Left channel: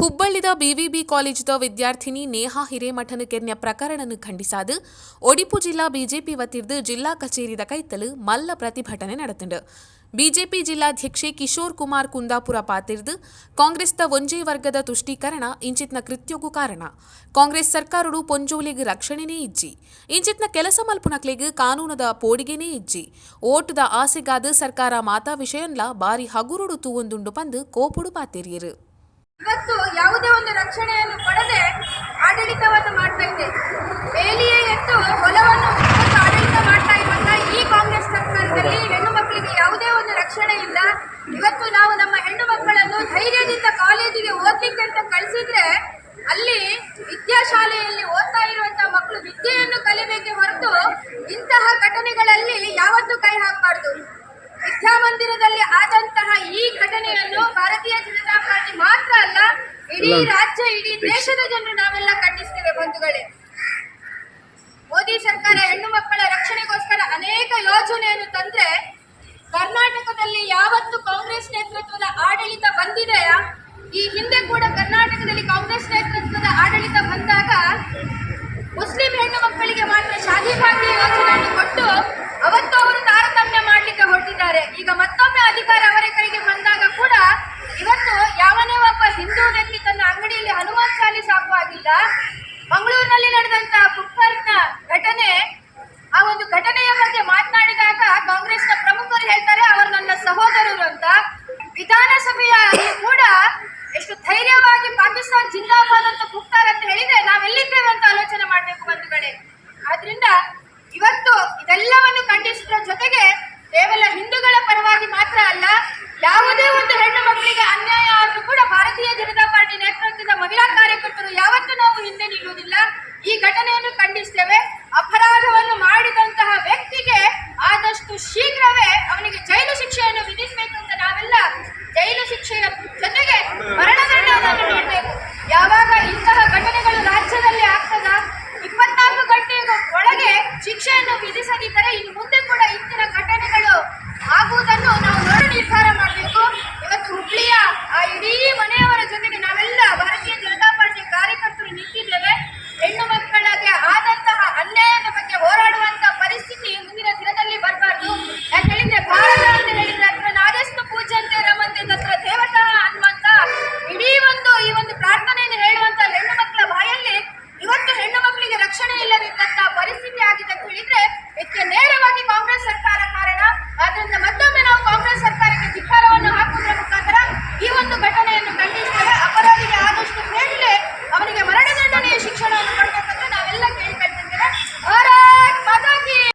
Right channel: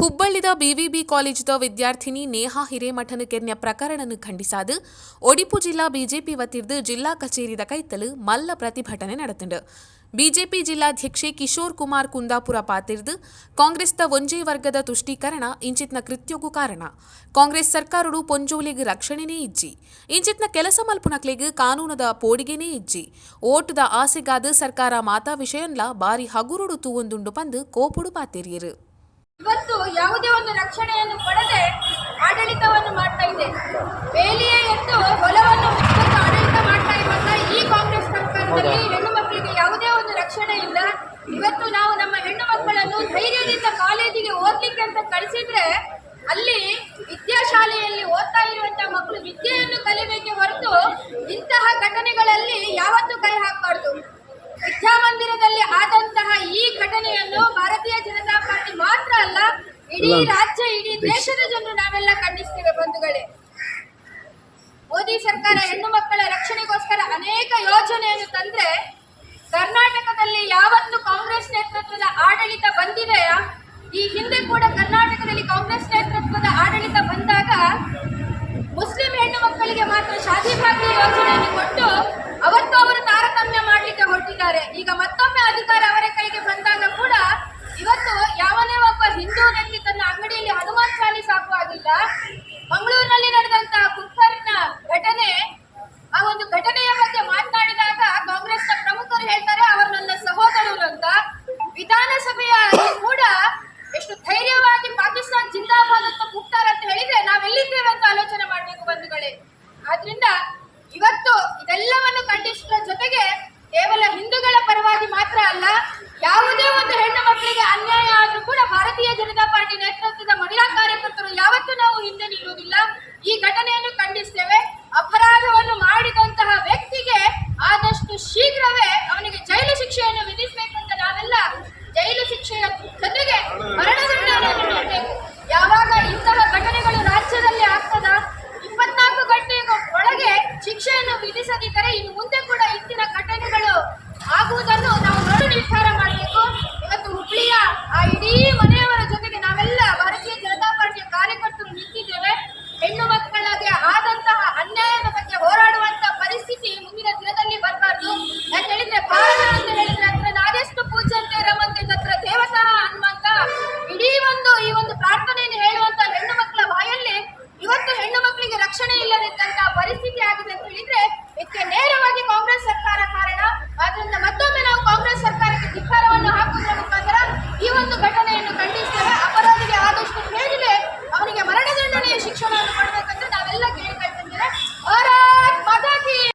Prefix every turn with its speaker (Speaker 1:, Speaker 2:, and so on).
Speaker 1: ಹುಬ್ಬಳ್ಳಿದ BVB ಕಾಲೇಜದ ವಿದ್ಯಾರ್ಥಿನಿ ನೇಹಾ ಹಿರೇಮಠನ ಕೆರ್ನ್ಯ ಪ್ರಕರಣನ ಖಂಡಿಸಾದು. ಒಡಿಪು ಜಿಲ್ಲಾ BJP ವತಿರ್ದು ಜಿಲ್ಲಾ ಕಚೇರಿದ ಕೈತಲು ಮಲ್ಲ ಪ್ರತಿಭಟನೆ ನಡೆತಂಡ. ಬಿಜೆಪಿ ಜಿಲ್ಲಾಧ್ಯಕ್ಷೆ ಕಿಶೋರ್ ಕುಮಾರ್ ಕುಂದಾಪುರ ಪಾತಿರ್ದು. ಕಾಂಗ್ರೆಸ್ದ ಒಂಜೆ ವರ್ಗದ ತುಷ್ಟೀಕರಣ ಇಂಚಿತ್ನ ಕೃತ್ಯಗೂ ಕಾರಣ. ಕಾಂಗ್ರೆಸ್ ಸರ್ಕಾರಡು ಪೊಂಜೋಲಿಗ್ ರಕ್ಷಣೆನೇ ಇಜ್ಜಿ. ಇಂಚಿತ್ನ ಕೆಲಸ ಮಲ್ಪುನಕ್ಲೆಗ್ ಕಾನೂನದ ಪೋಡಿಗೆನೇ ಇಜ್ಜಿ. ಓಟದ ಆಸೆಗಾದ ಸರ್ಕಾರ ಮಾತಾ ವಿಷಯನ್ಲ ಬಾರಿ ಹಗುರುಡು ತೂವೊಂದುಂಡು ಪಂದು ಕೋಪುಡು ಪಾತಿರಿಯರು.
Speaker 2: ಇವತ್ತು ಯಾವುದೇ ಒಂದು ರಕ್ಷಣೆಯನ್ನು ಕೊಡದೆ ಆಡಳಿತವನ್ನು ಮಾಡ್ತಾ ಇದೆ. ಬೇಲಿಯೇ ಎದ್ದು ಹೊಲವನ್ನು ಆಡಳಿತ ಮಾಡ್ತಾ ಇರುವಂತ ಈ ಕಾಂಗ್ರೆಸ್ ಸರ್ಕಾರದಲ್ಲಿ ಹೆಣ್ಣು ಮಕ್ಕಳಿಗೆ ಯಾವುದೇ ಒಂದು ರಕ್ಷಣೆ ಇಲ್ಲ. ಇವತ್ತು ನಾವು ನಮ್ಮ ಹೆಣ್ಣು ಮಕ್ಕಳನ್ನು ಧೈರ್ಯದಿಂದ ಕಾಲೇಜಿಗೆ ಓದ್ಲಿಕ್ಕೆ ಅಂತ ಕಳಿಸಿದ್ರೆ ಅಲ್ಲಿ ವಿದ್ಯಾಶಾಲೆಯಲ್ಲಿ ಓದ್ತಾ ಇರುವಂತ ಮಕ್ಕಳು ವಿದ್ಯೆಯನ್ನು ಕಲಿಬೇಕೆ ಹೊರತು ಇಂತಹ ಘಟನೆಗಳಲ್ಲಿ ಯಾವತ್ತೂ ಕೈ ಹಾಕಬಾರ್ದು. ವಿದ್ಯಾಮಂದಿರದಲ್ಲಿ ಆದಂತಹ ಈ ಘಟನೆಯನ್ನು ಭಾರತೀಯ ಜನತಾ ಇಡೀ ರಾಜ್ಯ ಇಡೀ ದೇಶದ ಜನರು ನಾವೆಲ್ಲ ಖಂಡಿಸ್ತೇವೆ ಬಂಧುಗಳೇ. ಮೋದಿ ಸರ್ಕಾರ ಹೆಣ್ಣು ಮಕ್ಕಳ ರಕ್ಷಣೆಗೋಸ್ಕರ ಅನೇಕ ಯೋಜನೆಯನ್ನು ತಂದ್ರೆ ಕರ್ನಾಟಕದಲ್ಲಿ ಯಾವತ್ತು ಕಾಂಗ್ರೆಸ್ ನೇತೃತ್ವದ ಆಡಳಿತ ಬಂದಿದೆಯಾ? ಈ ಹಿಂದೆ ಕೂಡ ಕರ್ನಾಟಕದಲ್ಲಿ ಕಾಂಗ್ರೆಸ್ ಹಾಕುವಾಗಿಲ್ಲ ಮಂಗಳೂರಿನಲ್ಲಿ ನಡೆದಂತಹ ಕುಕ್ಕರ್ನ ಘಟನೆ, ಆ ಒಂದು ಘಟನೆಯ ಬಗ್ಗೆ ಮಾತನಾಡಿದಾಗ ಕಾಂಗ್ರೆಸ್ನ ಪ್ರಮುಖರು ಹೇಳ್ತಾರೆ, ಅವರು ನನ್ನ ಸಹೋದರರು ಅಂತ. ವಿಧಾನಸಭೆಯ ಕೂಡ ಎಷ್ಟು ಧೈರ್ಯವಾಗಿ ಪಾಕಿಸ್ತಾನ ಜಿಂದಾಬಾದ್ ಅಂತ ಕೂಗ್ತಾರೆ ಅಂತ ಹೇಳಿದ್ರೆ ನಾವೆಲ್ಲಿದ್ದೇವೆ ಅಂತ ಆಲೋಚನೆ ಮಾಡಬೇಕು ಬಂಧುಗಳೇ. ಆದ್ರಿಂದ ಇವತ್ತು ಇದೆಲ್ಲವನ್ನು ಖಂಡಿಸುವ ಜೊತೆಗೆ ಕೇವಲ ಹಿಂದೂಗಳ ಪರವಾಗಿ ಮಾತ್ರ ಅಲ್ಲ, ಯಾವುದೇ ಇರುವುದಿಲ್ಲ. ಈ ಘಟನೆಯನ್ನು ಖಂಡಿಸ್ತೇವೆ ಅಪರಾಧವನ್ನು ಮಾಡಿದಂತಹ ವ್ಯಕ್ತಿಗೆ ಆದಷ್ಟು ಶೀಘ್ರವೇ ಅವನಿಗೆ ಜೈಲು ಶಿಕ್ಷೆಯನ್ನು ವಿಧಿಸಬೇಕು ಅಂತ ನಾವೆಲ್ಲ ಜೈಲು ಶಿಕ್ಷೆಯ ಜೊತೆಗೆ ಮರಣದಂಡನೆಯನ್ನು ನೀಡಬೇಕು. ಯಾವಾಗ ಇಂತಹ ಘಟನೆಗಳು ರಾಜ್ಯದಲ್ಲಿ ಆಗ್ತದ? ಇಪ್ಪತ್ನಾಲ್ಕು ಗಂಟೆಗೂ ಒಳಗೆ ಶಿಕ್ಷೆಯನ್ನು ವಿಧಿಸದಿದ್ದರೆ ಇನ್ನು ಮುಂದೆ ಕೂಡ ಇಂದಿನ ಘಟನೆಗಳು ಆಗುವುದನ್ನು ನಾವು ನಿರ್ಧಾರ ಮಾಡಬೇಕು. ಇವತ್ತು ಹುಬ್ಳಿಯ ಆ ಇಡೀ ಮನೆಯವರ ಜೊತೆಗೆ ನಾವೆಲ್ಲ ಭಾರತೀಯ ಜನತಾ ಪಾರ್ಟಿ ಕಾರ್ಯಕರ್ತರು ನಿಂತಿದ್ದೇವೆ.